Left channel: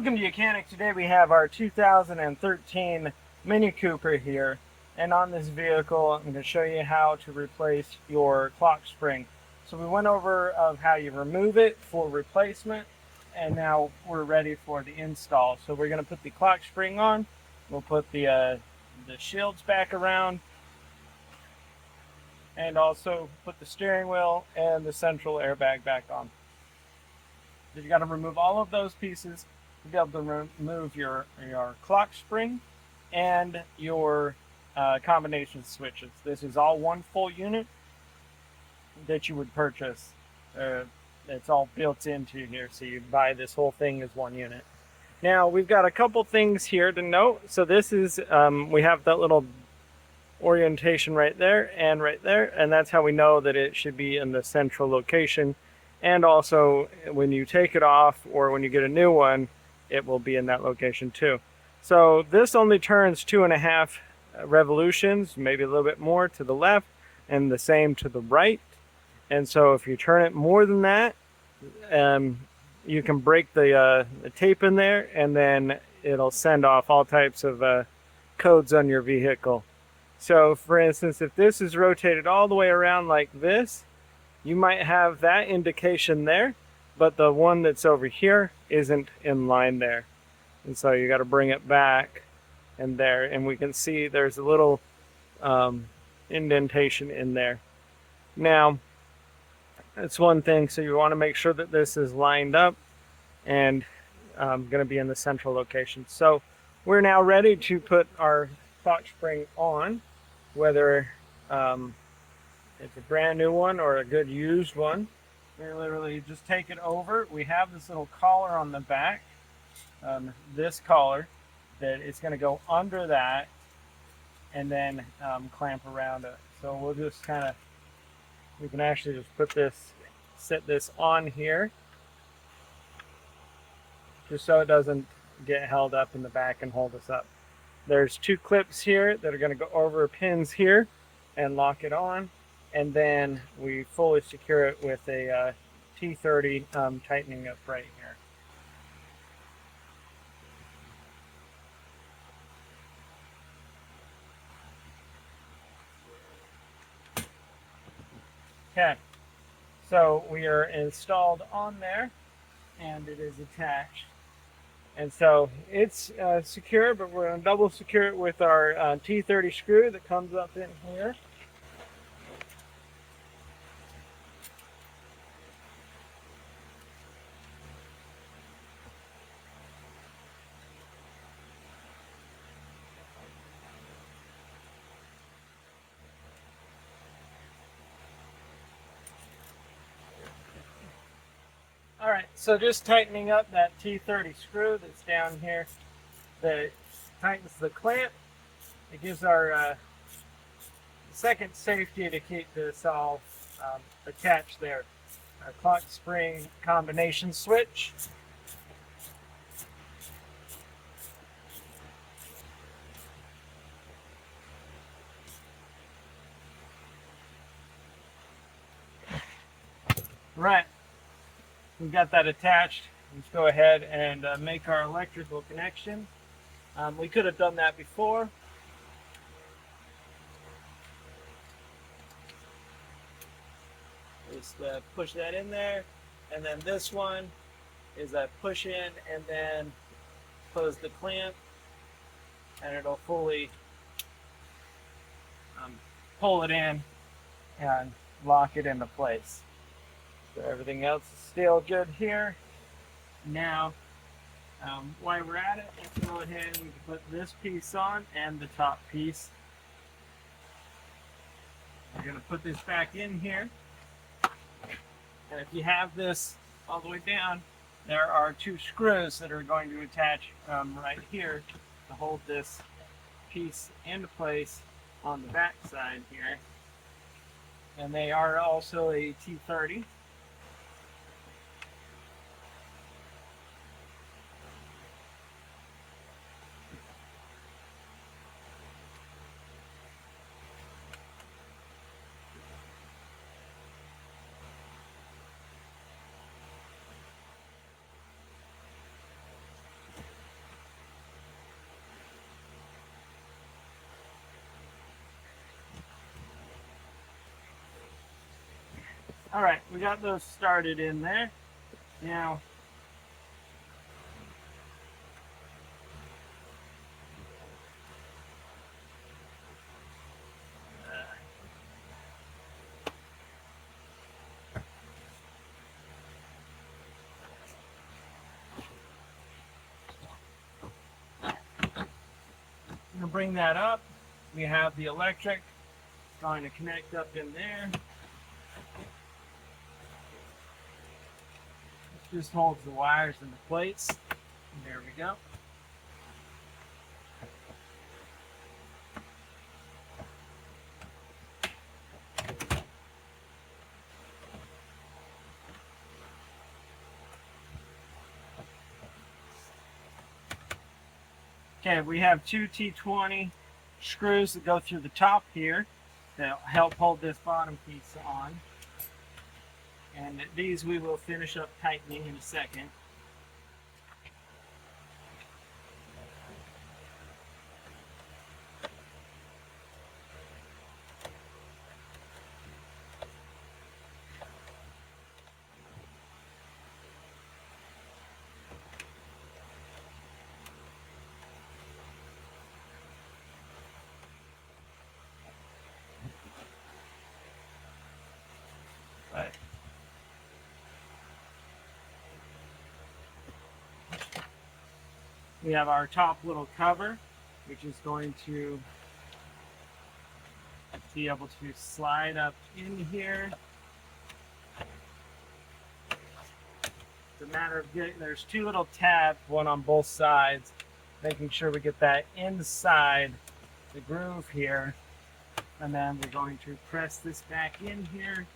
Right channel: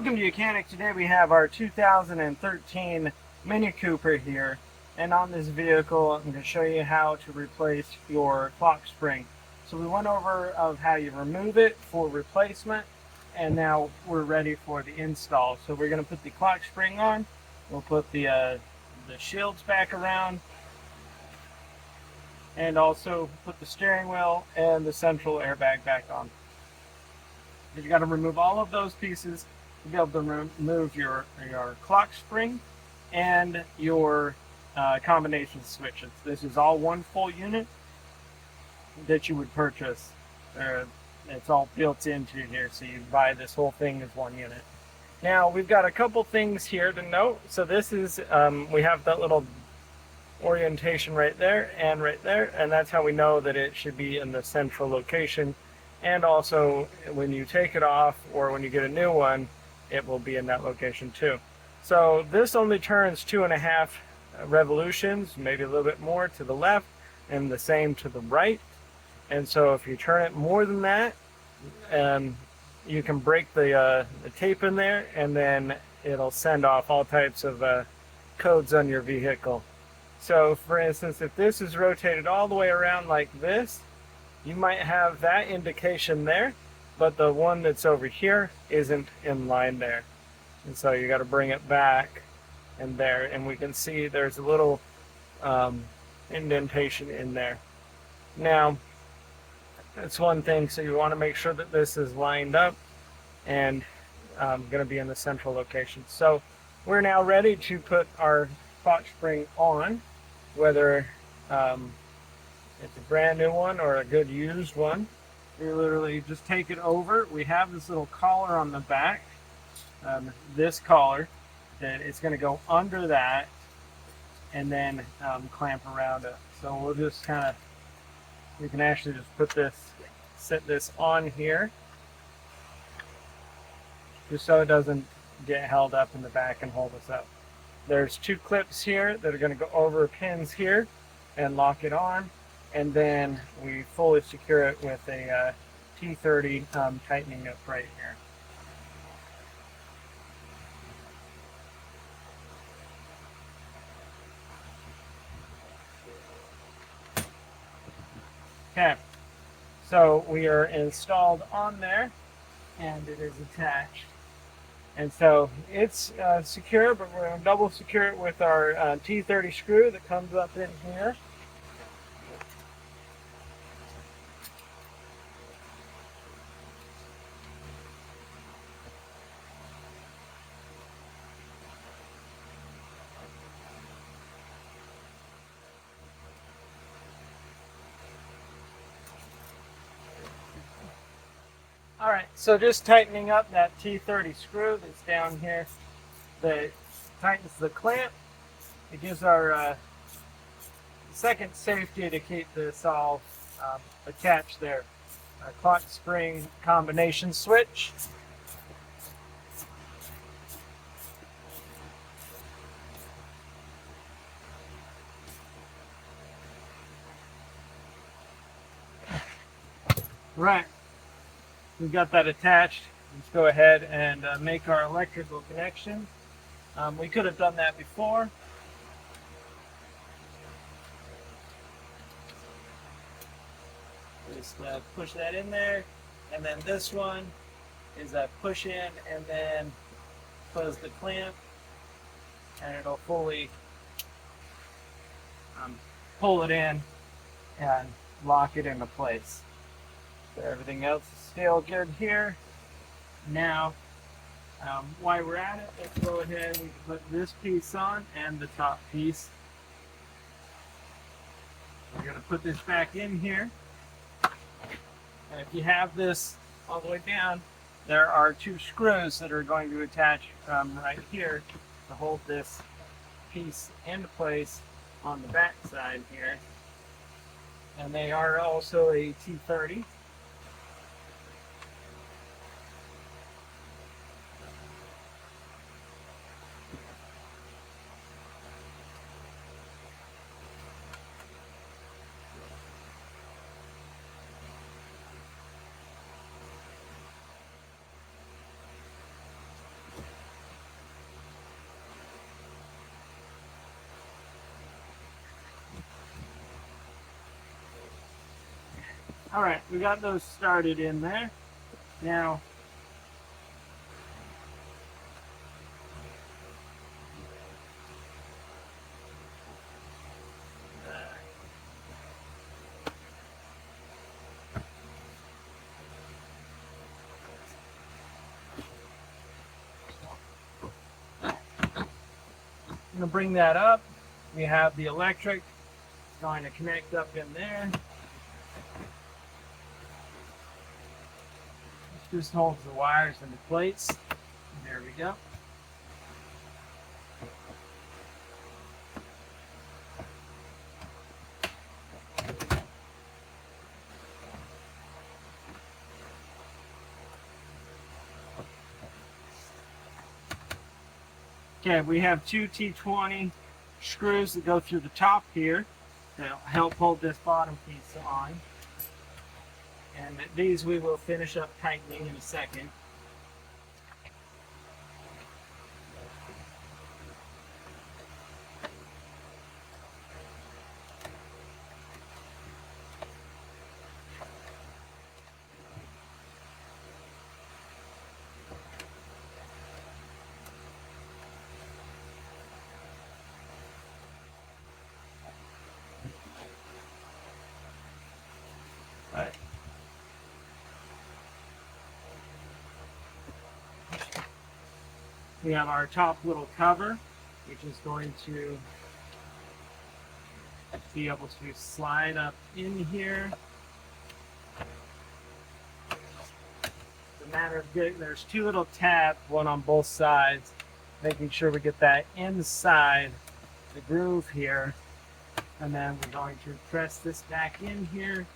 Welcome to Mechanic. Today we have our 2013 Mini Cooper here, and on this vehicle I'm going to show you how to replace your clock spring. So we went over of how you remove it for replacement, and now we're ready for the install. So we're going to put the clock spring on, we'll put the shields back around, and also put the steering wheel and the central airbag back on. You've got to remove all of those pieces to be able to remove your clock spring and your combination switches. This is all one full unit that you would purchase. It's all built into here, so you buy this whole thing as one unit. Now we've got a couple things here to note. So this is, we have that little orientation right there, and that's how we know that it should be in the central location. And also when you take it off or when you get a new one, it will be in that location too. So this only turns 2.5 revolutions, maybe a little bit more to the left and the same to the right. And so if you turn it more than that, you can break the tape in there, and then it'll send off all types of codes on your vehicle. So for instance, if this is rotated all the way around like this, you might have that indication there, but the one that's over here isn't in line there. And so you got to bring it back and there, and we can see there's a little indentation in there. Now, that's one thing, so you want to make sure that this is lined up and going to be in the central location. So we're now ready to put our clock spring on, whether it's a brand new one or a good used one. We literally just take it over. We have this little collar on the back, this collar, that it's going to go under that and then clamp around it. So we'll just kind of, we can actually just put this, set this on here, just so it doesn't get held up in the back and hold us up. There's 2 clips here that are going to go over pins here and lock it on. And then we fully secure it with a T30 tightening up right here. Okay, so we are installed on there, and it is attached. And so it's secure, but we're going to double secure it with our T30 screw that comes up in here. Alright, so just tightening up that T30 screw that's down here that tightens the clamp. It gives our second safety to keep this all attached there. Our clock spring combination switch. Right. We've got that attached. Let's go ahead and make our electrical connection. We could have done that before. Just push that in there, and then this one is a push in and then close the clamp, and it'll fully pull it in and lock it into place. So everything else is still good here. Now, while we're at it, let's go ahead and we can put this piece on and the top piece. We're going to put this back in here. And if you have this all the way down, there are 2 screws that are going to attach right here to hold this piece into place on the back side here. And they are also a T30. All right, we got those started in there. Now, I'm gonna bring that up. We have the electric going to connect up in there. This just holds the wires and the plates. There we go. Okay, we have two T20 screws that go through the top here to help hold this bottom piece on. And these we will finish up tightening in a second. Right. We have our top little cover, which is going to be able to slide up in here. It's a matter of getting, there's two little tabs, one on both sides, making sure we get that inside the groove here. And then we're going to press this back in here.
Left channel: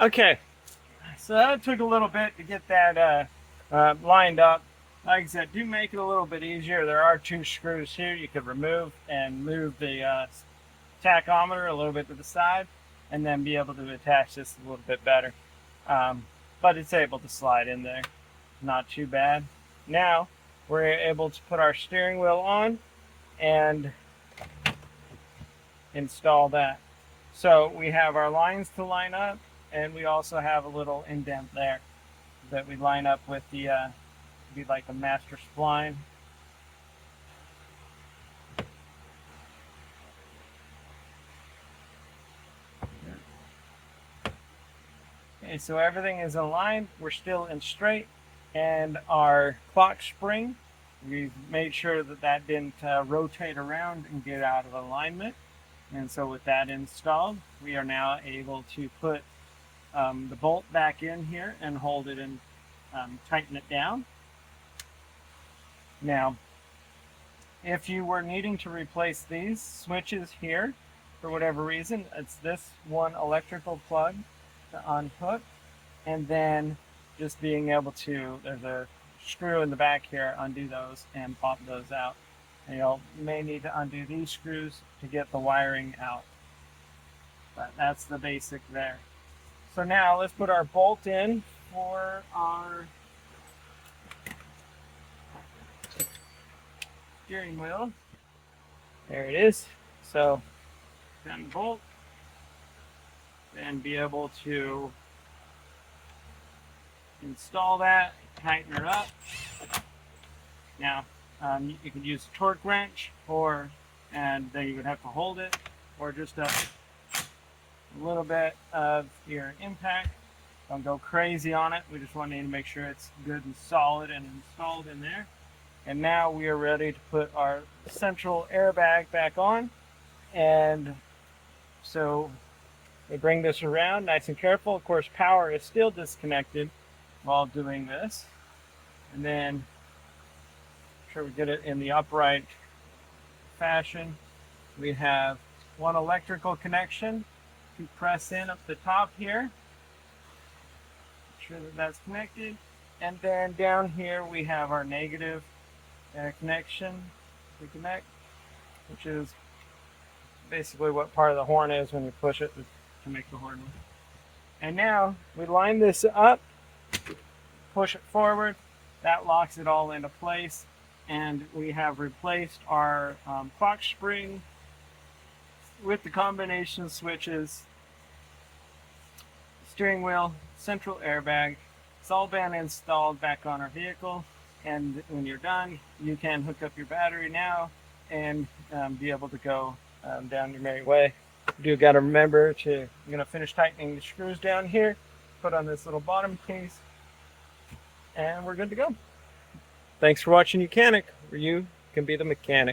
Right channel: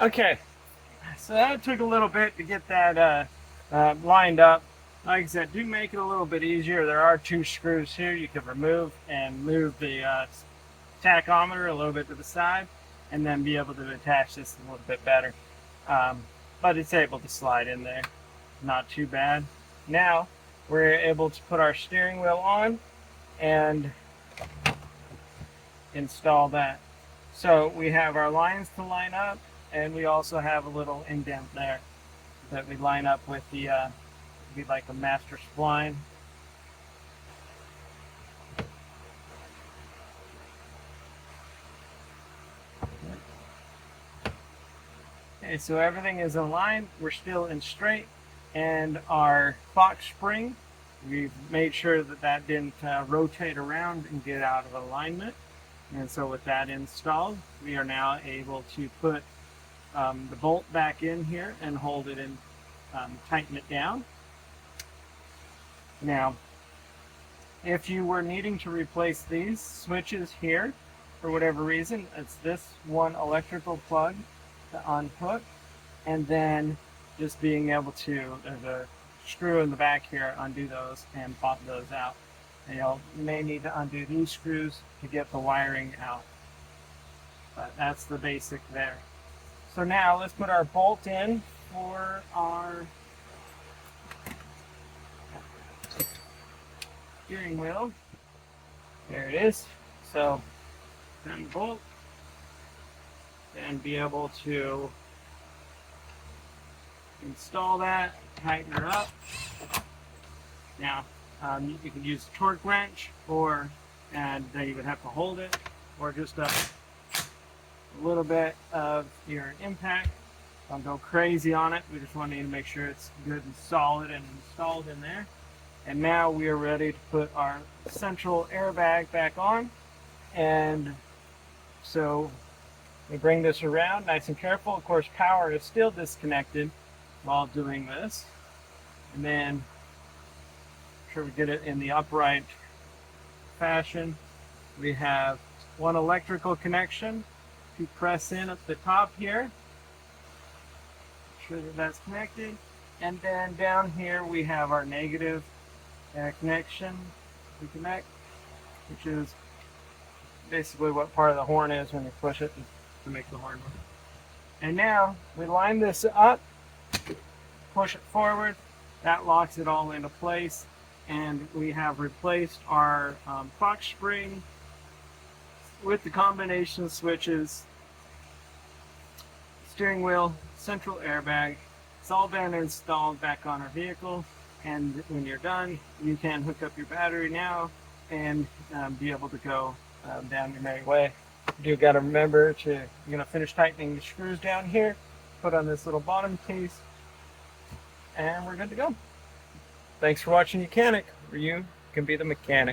Okay, so that took a little bit to get that lined up. Like I said, do make it a little bit easier. There are two screws here you can remove and move the tachometer a little bit to the side, and then be able to attach this a little bit better. But it's able to slide in there, not too bad. Now we're able to put our steering wheel on and install that. So we have our lines to line up, and we also have a little indent there that we line up with the be like a master spline. Okay, so everything is aligned. We're still in straight, and our clock spring, we've made sure that that didn't rotate around and get out of alignment. And so with that installed, we are now able to put the bolt back in here and hold it and tighten it down. Now, if you were needing to replace these switches here, for whatever reason, it's this one electrical plug to unhook, and then just being able to, there's a screw in the back here, undo those and pop those out. And you may need to undo these screws to get the wiring out. But that's the basic there. So now let's put our bolt in for our steering wheel. There it is. So then bolt, and be able to install that, tighten her up. Now you can use a torque wrench, and then you would have to hold it, or just a little bit of your impact. Don't go crazy on it. We just want to make sure it's good and solid and installed in there. And now we are ready to put our central airbag back on. And so we bring this around nice and careful. Of course, power is still disconnected while doing this. And then make sure we get it in the upright fashion. We have one electrical connection You press in at the top here, make sure that that's connected, and then down here we have our negative connection. We connect, which is basically what part of the horn is when you push it to make the horn work. And now we line this up, push it forward, that locks it all into place, and we have replaced our clock spring with the combination switches, steering wheel, central airbag. It's all been installed back on our vehicle, and when you're done, you can hook up your battery now and be able to go down your merry way. You got to remember you're going to finish tightening the screws down here, put on this little bottom case, and we're good to go. Thanks for watching Mechanic, where you can be the mechanic.